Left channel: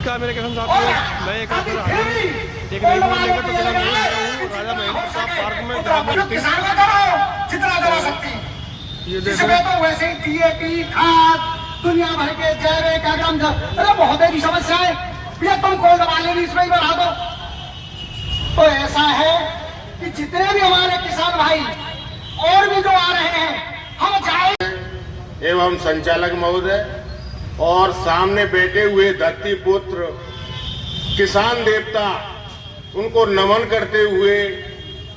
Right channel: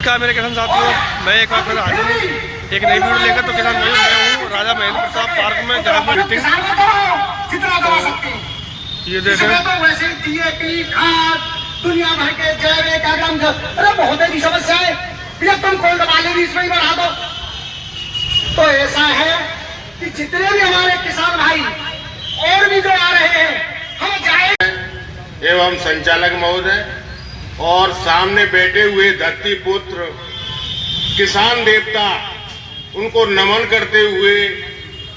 मेरे किसान साथियों, मैं एक बार फिर हाजिर हूँ एक नई वीडियो लेकर। तो किसान भाई, मैं हूँ राजा महेंद्र प्रताप पार्क में, जहाँ पर मीटिंग। ये देखें, दुनिया भर के अरे बहुत की समस्या है, कोल्ड वाले भी इसमें बढ़ा दो। तो ऐसा है कि जितने भी हमारे किसान भाई और भी जो आ रहे हैं, हम जाए एवं संचालक महोदय और सामने बैठे हुए धरती पुत्र किसान देवता, उनको नमन करते हुए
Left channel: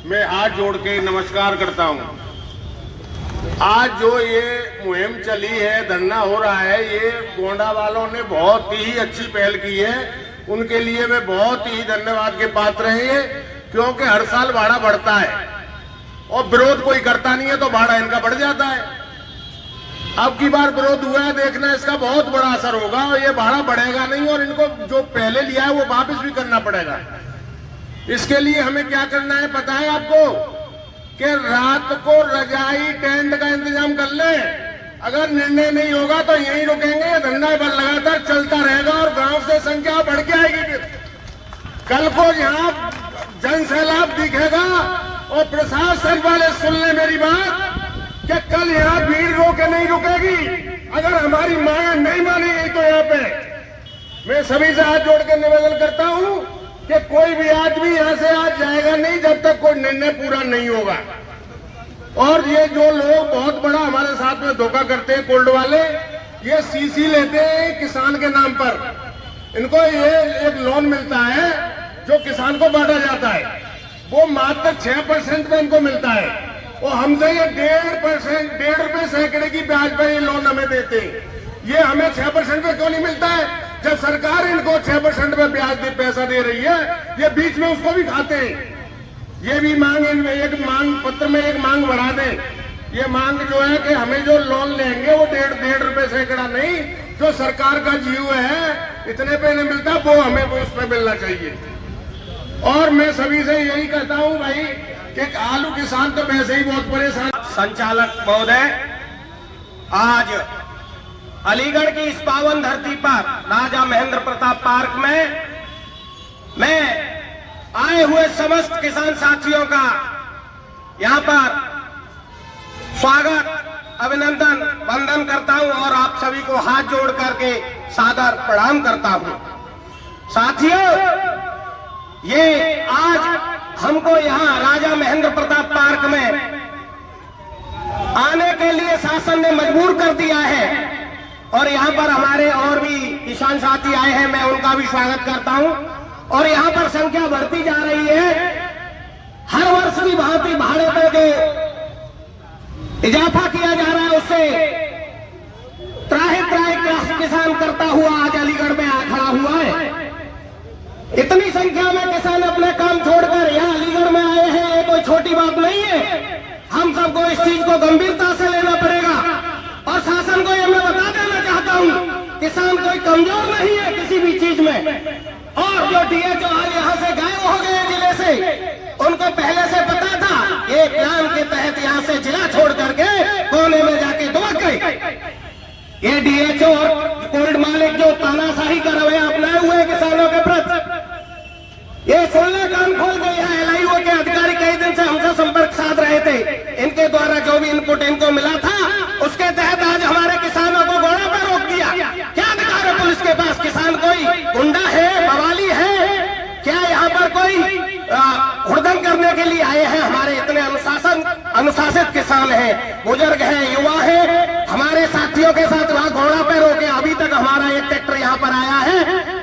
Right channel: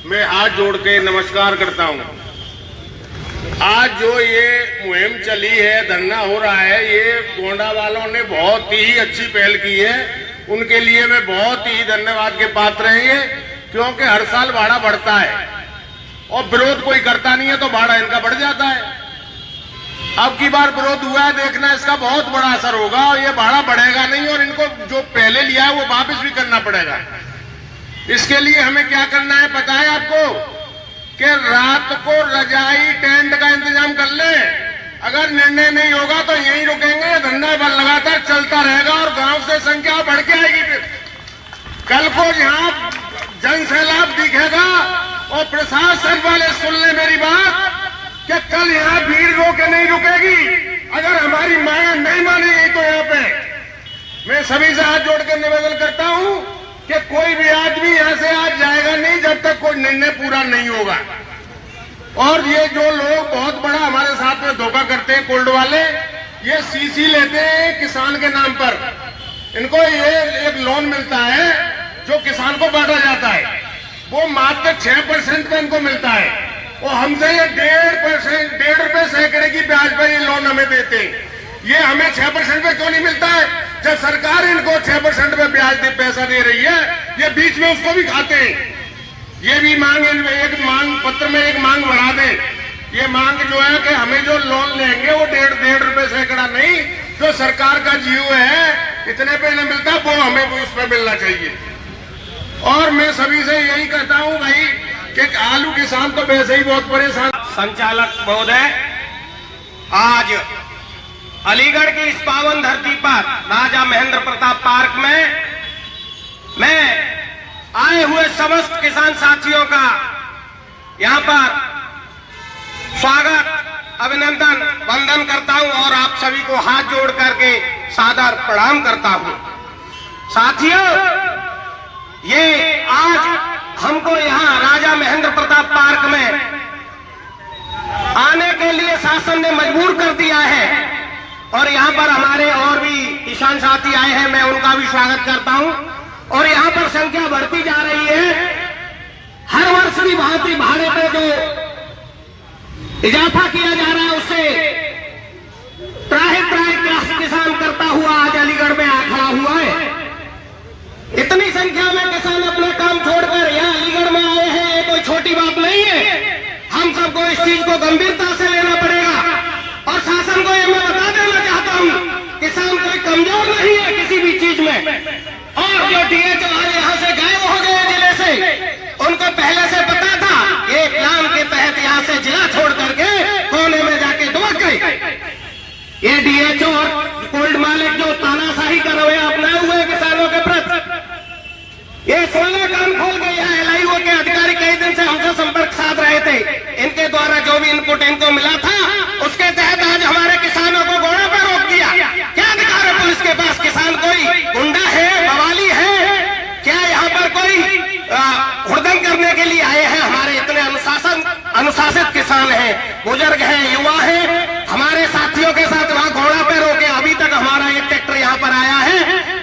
मैं हाथ जोड़ के नमस्कार करता हूं। आज जो ये मुहिम चली है, धरना हो रहा है, ये गोंडा वालों ने बहुत ही अच्छी पहल की है। उनके लिए मैं बहुत ही धन्यवाद के पात्र हैं, क्योंकि हर साल भाड़ा बढ़ता है और विरोध कोई करता नहीं है, तो भाड़ा इनका बढ़ जाता है। अब की बार विरोध हुआ है, देखना इसका बहुत बड़ा असर होगा और ये भाड़ा बढ़ेगा नहीं, और इनको जो पहले लिया है वो वापस भी करना पड़ेगा। इसके लिए हमें क्या करना है पता है आपको, कि रात को रजाई टेंट का इंतजाम कर ले। अगर निर्णय नहीं होगा तो यहीं रुकेंगे, धंधा बल लगातार चलता रहेगा और गांव से संख्या बढ़ के आएगी। फिर कल को यहाँ जन सैलाब दिखेगा और प्रशासन वाले सुन ले मेरी बात, कि कल यहाँ भीड़ रोके नहीं रुकेगी। अगर हमारी मांगे नहीं मानेगी तो यहाँ पे मैं सभी से हाथ जोड़ के निवेदन करता हूँ कि कोई भी आदमी यहाँ से आज जाएगा नहीं जब तक कोई निर्णय पूरा नहीं होगा। और ये जो लोग बहुत बड़ा हमारे साथ में धोखा करते हैं, कोल्ड वाले, ये सीसी लेते हैं किसान के नाम पर। इनको ये एक लोन मिलता है जो किसान को बांटा जाता है, वो मात्र 6% पे इनको मिलता है। और हमसे ये 1.5 रुपए सैकड़े की ब्याज पर ये लोन हमें देते हैं। ये हमें 6% पे क्यों नहीं मिलता है, जब सरकार इनको 6% पे ब्याज पैसा दे रही है। ये बीच में उसको भी खाते हैं। ये भी मांग, एक मांग पत्र में एक मांग बढ़ा दे। ये मांग जो है कि हमें जो लोन लेंगे वो 1.5 रुपए सैकड़ा नहीं, जो सरकार का जीव है इतने पे नहीं मिलता, वो हमें वो उस पर मिलना चाहिए। और मैं सभी से यही कहता हूँ भाई कि आलू किसान तो वैसे ही बहुत परेशान। संचालक महोदय, आज अलीगढ़ की इस पावन धरती पर राजा महेंद्र प्रताप पार्क में मैं आए हुए समस्त किसान साथियों का यहां पर स्वागत, अभिनंदन, वंदन करता हूं और आप सभी को हाथ जोड़ करके सादर प्रणाम करता हूं। साथियों, ये आज हमको यहाँ राजा महेंद्र प्रताप पार्क में आने के लिए शासन ने मजबूर कर दिया है, और यहाँ पर हमारे और भी किसान साथी आए हैं, मैं उनका भी स्वागत करता हूँ। और यहाँ पर संख्या बढ़ती जा रही है। हर वर्ष की भांति भाड़े पे जो इजाफा किया जा रहा है, उससे त्राहि किसान करता हुआ आज अलीगढ़ में आ खड़ा हुआ है। इतनी संख्या में किसान अपना काम छोड़कर यहाँ अलीगढ़ में आए हैं, ये कोई छोटी बात नहीं है। हम सबको इस चीज को गंभीरता से लेना पड़ेगा। और शासन को ये मैं बता देना चाहता हूँ, किसान कोई कमजोर नहीं है किसी भी चीज में। और जो डीएचओ यहाँ से गायब हो गए जिले से, उनको पहले से पता था, ये प्लान के तहत यहाँ से जिला छोड़ करके कोने में जाके डूब गए। ये डीएचओ और कोल्ड मालिक जो तानाशाही कर रहे हैं अपनाए हुए किसानों के प्रति, ये 16 काम खोल गए हैं। एलआईओ के अधिकारी कई दिन से हमसे संपर्क साध रहे थे। इनके द्वारा जो भी इनपुट इनको मिला था, उसके तहत आज हमारे किसानों को घोड़ा पर रोक दिया। क्या अधिकार है पुलिस के पास? किसान कोई गुंडा है, बवाली है क्या? यहाँ पर कोई हुड़दंग करने के लिए आए हैं? हमारे इतने अनुशासित किसान हैं, बुजुर्ग हैं, युवा हैं, हमारे साथियों के साथ वहाँ घोड़ा पे रोके अभी तक हमारा एक ट्रैक्टर यहाँ पर आया है।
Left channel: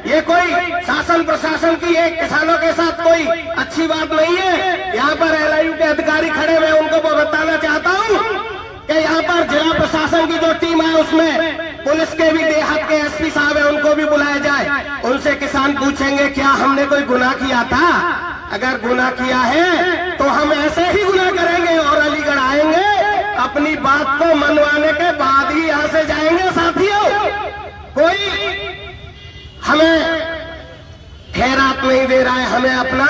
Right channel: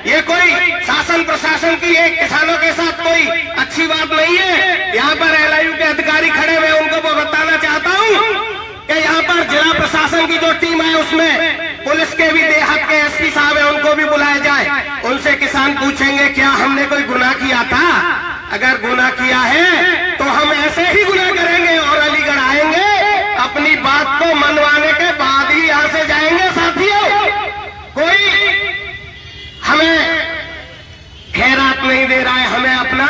ये कोई शासन प्रशासन की एक किसानों के साथ कोई अच्छी बात नहीं है। यहाँ पर एलआईयू के अधिकारी खड़े हुए, उनको बताना चाहता हूँ कि यहाँ पर जिला प्रशासन की जो टीम है, उसमें पुलिस के भी देहात के एसपी साहब है, उनको भी बुलाया जाए। उनसे किसान पूछेंगे क्या हमने कोई गुनाह किया था? अगर गुनाह किया है तो हम ऐसे ही गुनाह करेंगे और अलीगढ़ आएंगे, अपनी बात को मनवाने के बाद ही यहाँ से जाएंगे। साथियों, कोई हमें खैरात नहीं दे रहा है, हमें अपना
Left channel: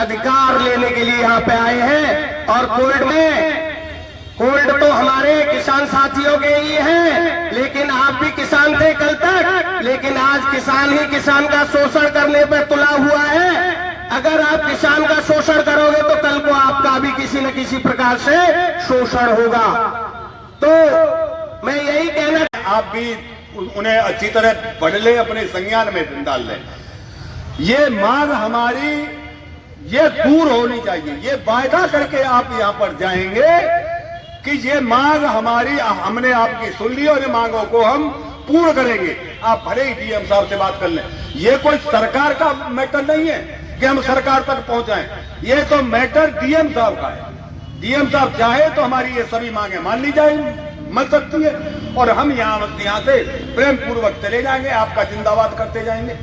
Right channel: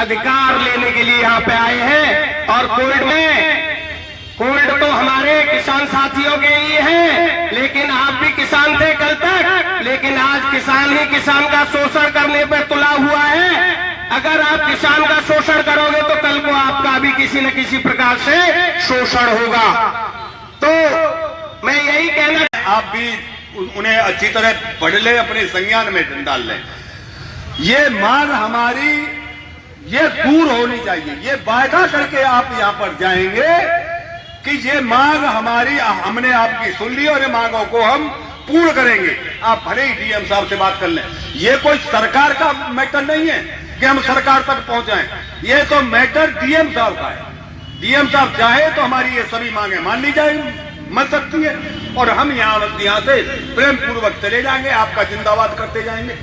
अधिकार लेने के लिए यहाँ पे आए हैं। और कोल्ड तो हमारे किसान साथियों के ही है, लेकिन आप भी किसान थे कल तक। लेकिन आज किसान ही किसान का शोषण करने पर तुला हुआ है। अगर आप किसान का शोषण करोगे तो कल को आपका भी किसी न किसी प्रकार से शोषण होगा। तो मैं यही कहना, आप भी उन्हें अच्छी तरह पढ़ ले, अपने संज्ञान में डाल लें। ये मांग हमारी ये दूर होनी चाहिए। ये वायदा करके आप यहां पर जाएंगे कि ये मांग हमारी, हमने आपकी सुन ली और ये मांगों को हम पूर्ण करेंगे। आप भले ही डीएम साहब से बात कर लें। ये कोई सरकार का मैटर नहीं है कि हम सरकार तक पहुंचाएं। ये तो मैटर डीएम साहब का है। डीएम साहब चाहे तो हमारी ये सभी मांगे मान ली जाएंगी, मत सकती है, और हम यहाँ से प्रेम पूर्वक चले जाएंगे, आपका जिंदाबाद करते जाएंगे।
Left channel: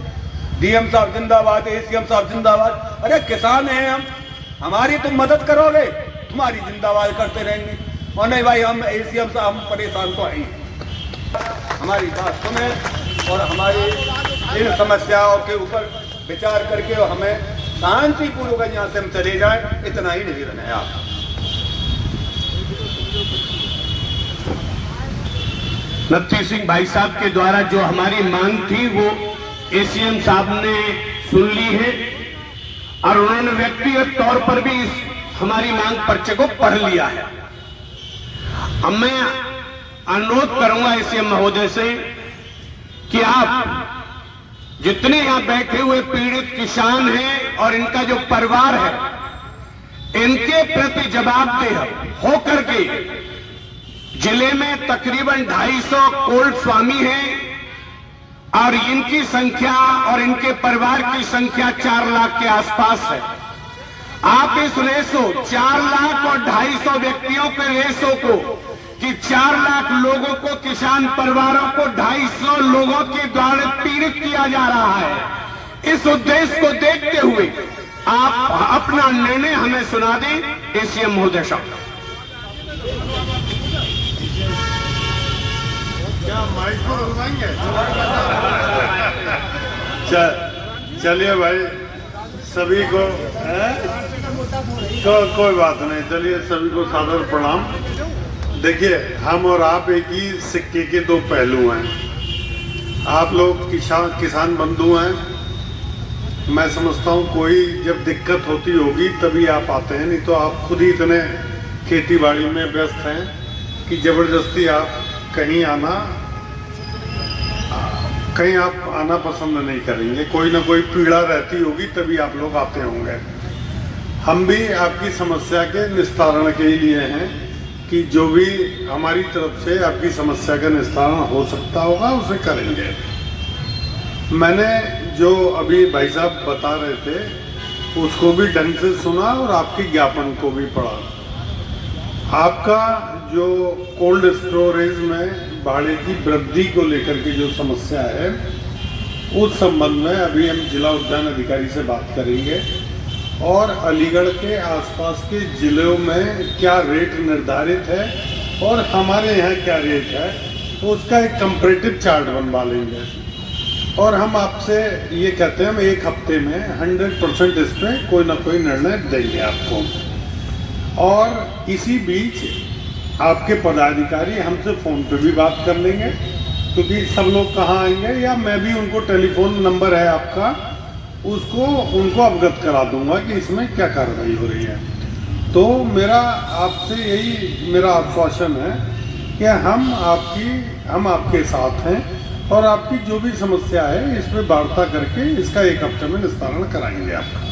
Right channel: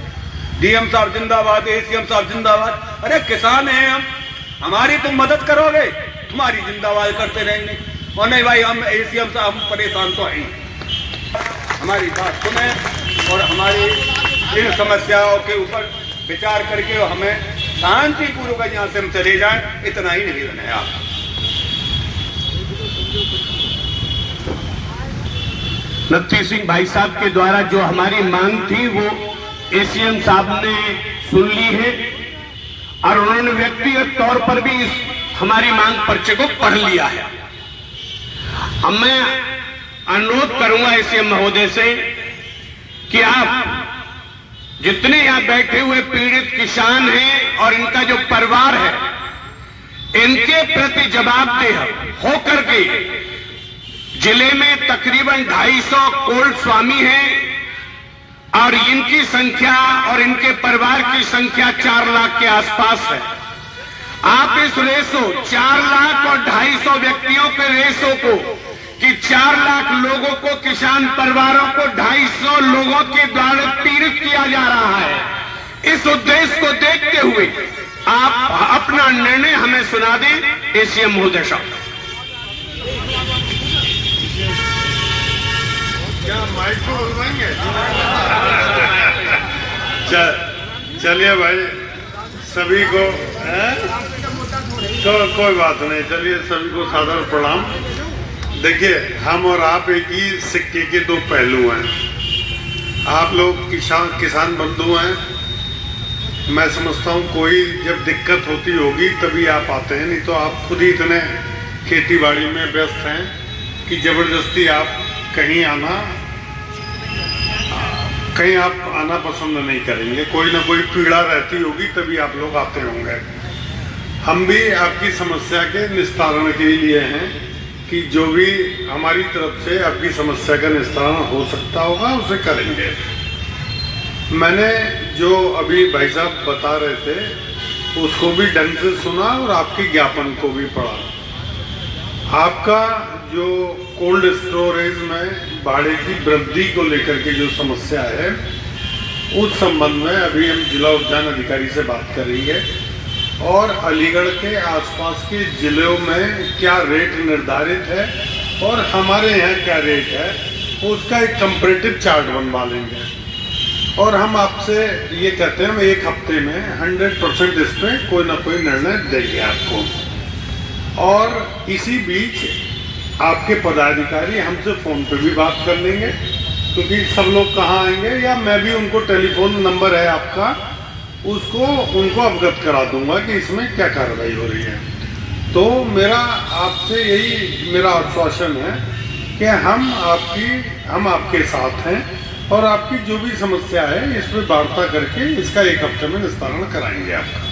डीएम साहब जिंदाबाद, एसीएम साहब जिंदाबाद। अरे किसान हैं हम, हमारी तुम मदद करोगे, तुम्हारी जिंदाबाद करते रहेंगे। और नहीं भाई, हम एसीएम साहब हम परेशान तो हैं, हमारी बात सुने और हमारी इन समस्याओं के ऊपर विचार करके हमें शांतिपूर्वक यहाँ से हम चले जाएं, इतना ही निवेदन है। आप नत्थी सिंह भाई साहब के द्वारा जो हमारी मांग थी वो एसीएम साहब ने सुन ली है और उन्होंने व्यक्तिगत तौर पर भी इस हमारी मांग पर्चे को पढ़ लिया है। अब मैं अनुरोध करूंगा एसीएम महोदय से कि आप जितने यहां बैठे हुए पीड़ित किसान हैं और इनका जो परिवार है, इनके प्रति जवाबदेह होकर के जिले में तकरीबन 250 कोल्ड स्वामी हैं और इनकी संख्या और इनके परिवार की संख्या 4 लाख के आसपास है। आप इस रेशो 4 लाख और 250 व्यक्तियों के रेशो को कि 4 लाख लोगों को, किसान परिवारों को 250 लोगों के द्वारा पीड़ित किया जा रहा है, इस उद्देश्य को देखते हुए आप अपना निर्णय हमें सुना दें एसीएम महोदय साहब। चलिए भाई, सभी को तो कोई बात नहीं, चलिए सभी को सादर प्रणाम। देखिए, हम और आप एक ही सिक्के के दो पहलू हैं। आप लोग किसान बंधु हैं। मैं समझता हूँ कोई जब दिक्कत होती होगी तभी आप आते हैं, नहीं तो आप खुद ही इतने खेती बाड़ी में व्यस्त हैं कि जबरदस्ती आप कहीं आना पसंद नहीं करेंगे। कोई ना कोई पीड़ा रहती होगी तभी आप लोग आते होंगे। हम भी आपकी समस्या के निस्तारण के लिए हैं कि जो भी हमारी तरफ से आपकी समस्या का निस्तारण हो सकता होगा उसे करेंगे। मैंने जो अभी भाई साहब बता रहे थे उसको भी ढंग से सुना और आपके ज्ञापन को भी पढ़ा। आपका जो कोल्ड स्टोरेज में भाड़े की वृद्धि को लेकर के जो समस्या है, उस संबंध में अभी हम जिला उद्यान अधिकारी से बात करेंगे और अलीगढ़ के आसपास के जिलों में क्या रेट निर्धारित है और हमारे यहाँ क्या रेट है, उसका एक कंपैरेटिव चार्ट बनवा लेंगे। और हम आपसे ये कहते हैं हम 1 हफ्ते में 100% इस पर कोई ना कोई निर्णय देंगे आपको। और इसी बीच आपके पदाधिकारी हमसे फ़ोन पे भी बात कर लेंगे, क्योंकि सब लोग कहाँ आएंगे, या मैं भी उनको टेलीफोन नंबर है आपका, उसको उनको अवगत करा दूंगा कि इसमें क्या कार्रवाई हो रही है। तो मेरा आपसे यही मेरा आश्वासन है कि हम आपके साथ हैं और आपकी जो भी समस्या है इस पर वार्ता करके इसका 1 हफ्ते में निस्तारण कराएंगे आपका।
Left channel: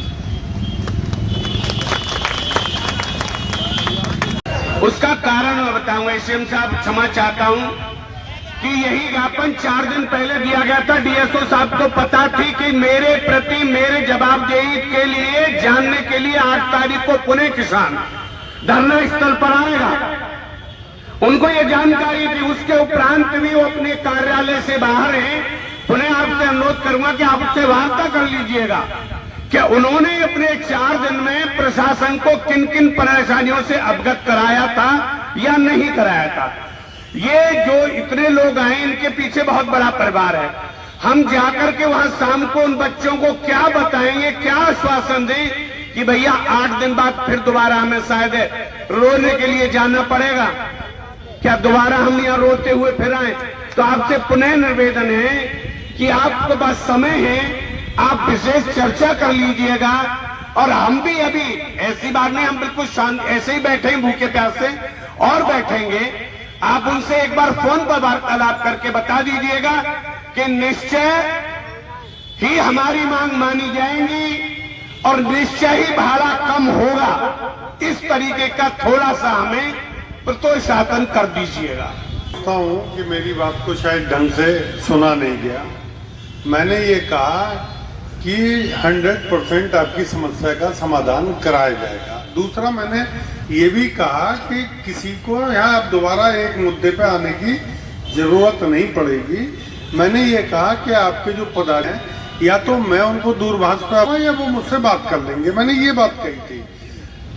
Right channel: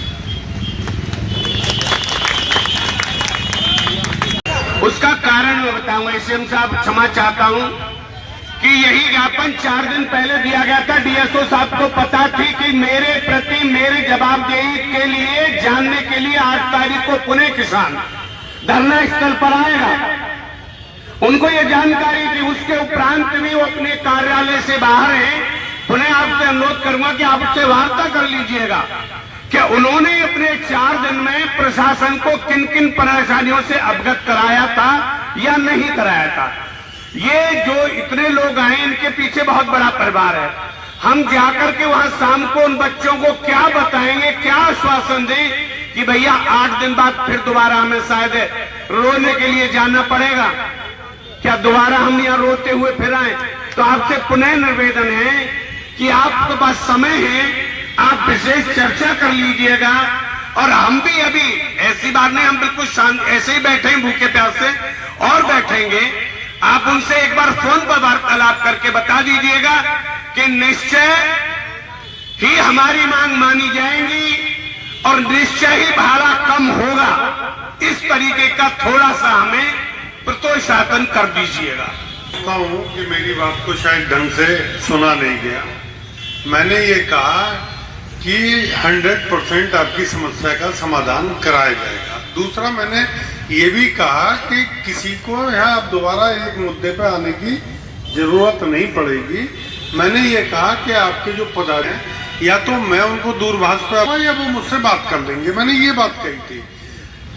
उसका कारण मैं बताऊंगा। एसीएम साहब, क्षमा चाहता हूं कि यही ज्ञापन 4 दिन पहले दिया गया था। डीएसओ साहब को पता थी कि मेरे प्रति मेरे जवाबदेही के लिए जानने के लिए 8 तारीख को पुणे किसान धरना स्थल पर आएगा। उनको ये जानकारी थी। उसके उपरांत भी वो अपने कार्यालय से बाहर हैं। पुणे आपसे अनुरोध करूंगा कि आप उससे वार्ता कर लीजिएगा क्या उन्होंने अपने 4 दिन में प्रशासन को किन किन परेशानियों से अवगत कराया था या नहीं कराया था। ये जो इतने लोग आए, इनके पीछे बहुत बड़ा परिवार है। हम जाकर के वहां शाम को उन बच्चों को क्या बताएंगे, क्या आश्वासन दें कि भैया 8 दिन बाद फिर दोबारा हमें शायद रोने के लिए जाना पड़ेगा, क्या दोबारा हम यहाँ रोते हुए फिर आए। तो आपसे पुनः निवेदन है कि आपके पास समय है, आप विशेष चर्चा कर लीजिएगा। और हम भी अभी ऐसी बात नहीं, हम बिल्कुल शांत ऐसे ही बैठे हैं भूखे प्यासे और बैठेंगे। आप उनसे एक बार फोन पर वार्तालाप करके बता दीजिएगा कि निश्चय ही हमारी मांग मानी जाएंगी और निश्चय ही भाड़ा कम होगा। इस तरीके का थोड़ा सा हमें प्रोत्साहन कर दीजिएगा। कहता हूं कि मेरी बात को शायद ढंग से सुना नहीं गया। मैंने ये कहा कि 100% आपकी समस्या का समाधान कराया जाएगा। दूसरा, मैंने ये भी कहा कि किसी को यहाँ अब दोबारा एक मुद्दे पे आने की जरूरत नहीं पड़ेगी। मैंने ये कहा कि आपके जो पदाधिकारी हैं, या तो मैं उनको दूरभाष पर या वो मुझसे बात कर लेंगे। मैंने ये बात कही थी।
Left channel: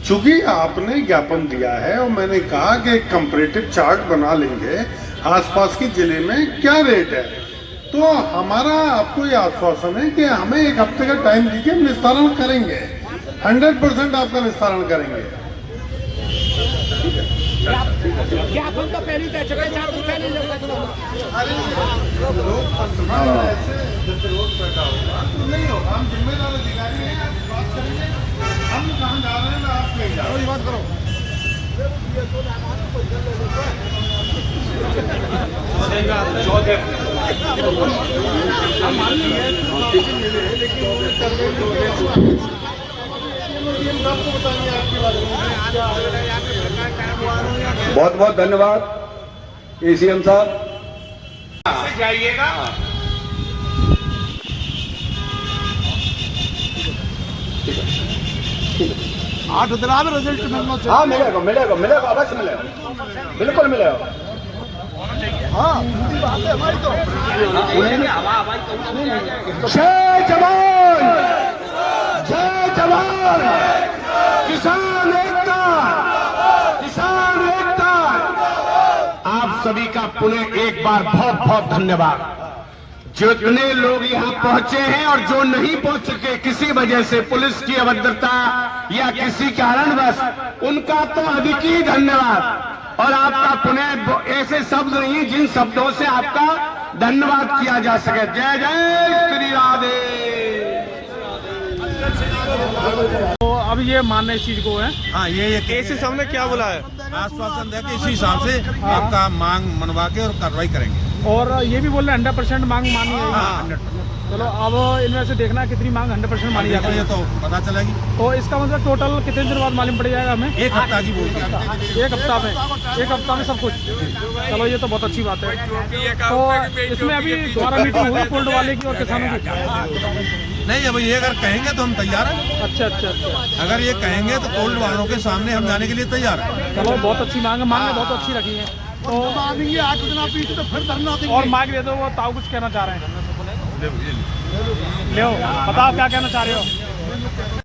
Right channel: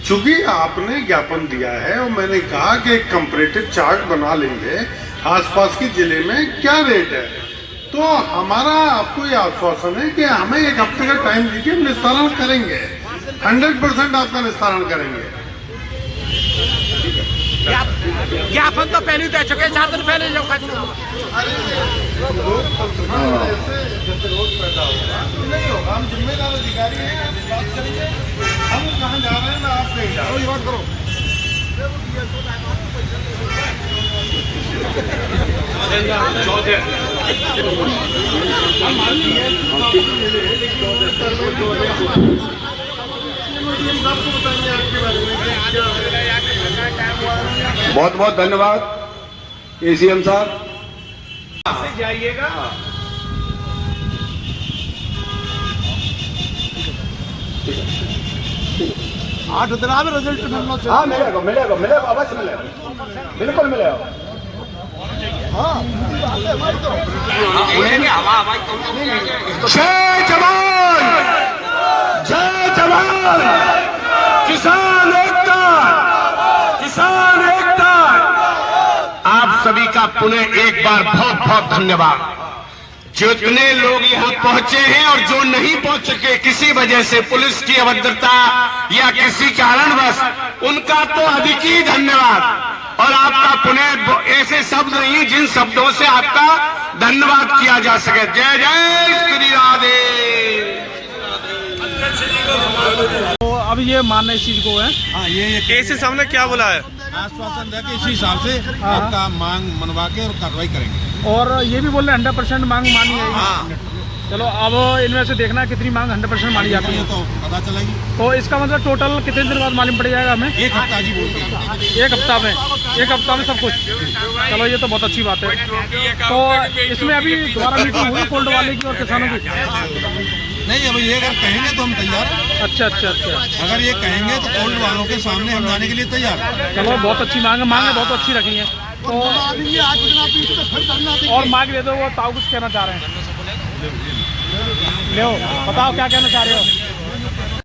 चूंकि आपने ज्ञापन दिया है और मैंने कहा कि एक कंपैरेटिव चार्ट बना लेंगे आसपास के जिले में क्या रेट है, तो हमारा आपको ये आश्वासन है कि हमें एक हफ्ते का टाइम दीजिए, हम निस्तारण करेंगे। 100% आपका निस्तारण करेंगे। ज्ञापन तो पहले दे चुके, 4 दिन पहले जो नहीं होगा। हम जिम्मेदार अधिकारी हैं, बात करेंगे। हम कहाँ जा रहे हैं, मैं आप नहीं जा रहा हूँ, बात करो। बहुत बहुत धन्यवाद एसीएम साहब। जाइएगा। आठ दिन में रिजल्ट मिलना चाहिए। हाँ मिलेगा मिलेगा मिलेगा, अवश्य मिलेगा, बिल्कुल मिलेगा। जय जवान, जय जवान, किसान एकता, किसान एकता। आप सभी का पुनः एक बार बहुत बहुत धन्यवाद। जितने लोग यहाँ पहुंचे हैं और जो नहीं पहुंच सके किसी वजह से, पुलिस की अभद्रता या किसी कारणवश, उनका तो अधिक ही धन्यवाद। और आपका पुनः ऐसे शब्द नहीं जिन शब्दों से आपका धन्यवाद किया जा सके। जय जय श्री राधे। तो अब ये मानना इस चीज को है। हाँ, ये कैसे सामने क्या बोला है? आश्वासन दे के इसी हिसाब से आपका मांग मनवा के और कार्रवाई करेंगे। और ये भी बोल रहे 100% मांग मानी है। हाँ, चलो अब इनमें से देखना कितनी मांग 100% मानी जाती ये है। तो पता चलेगी। तो इसका मतलब टोटल कितने दिन बाद मालूम पड़ जाएगा हमें? एक हफ्ता जी बोल के। एक हफ्ता में सब कुछ। चलो ये तो बहुत अच्छी बात है। तो इसमें अभी दोबारा मीटिंग हुई कोल्ड वाले की और किसानों की? नहीं, अब ये अगर कहेंगे तो हम तैयार हैं। अच्छा अच्छा अच्छा। अगर ये कहेंगे तो कोल्ड वालों के सामने हम जाने के लिए तैयार हैं। चलो बहुत अच्छी मांग है, बहुत अच्छी रखी है। तो और मांग दे दो, वो ताऊ कुछ कहना चाह रहे हैं। ले बताओ क्या कहना चाह रहे हो?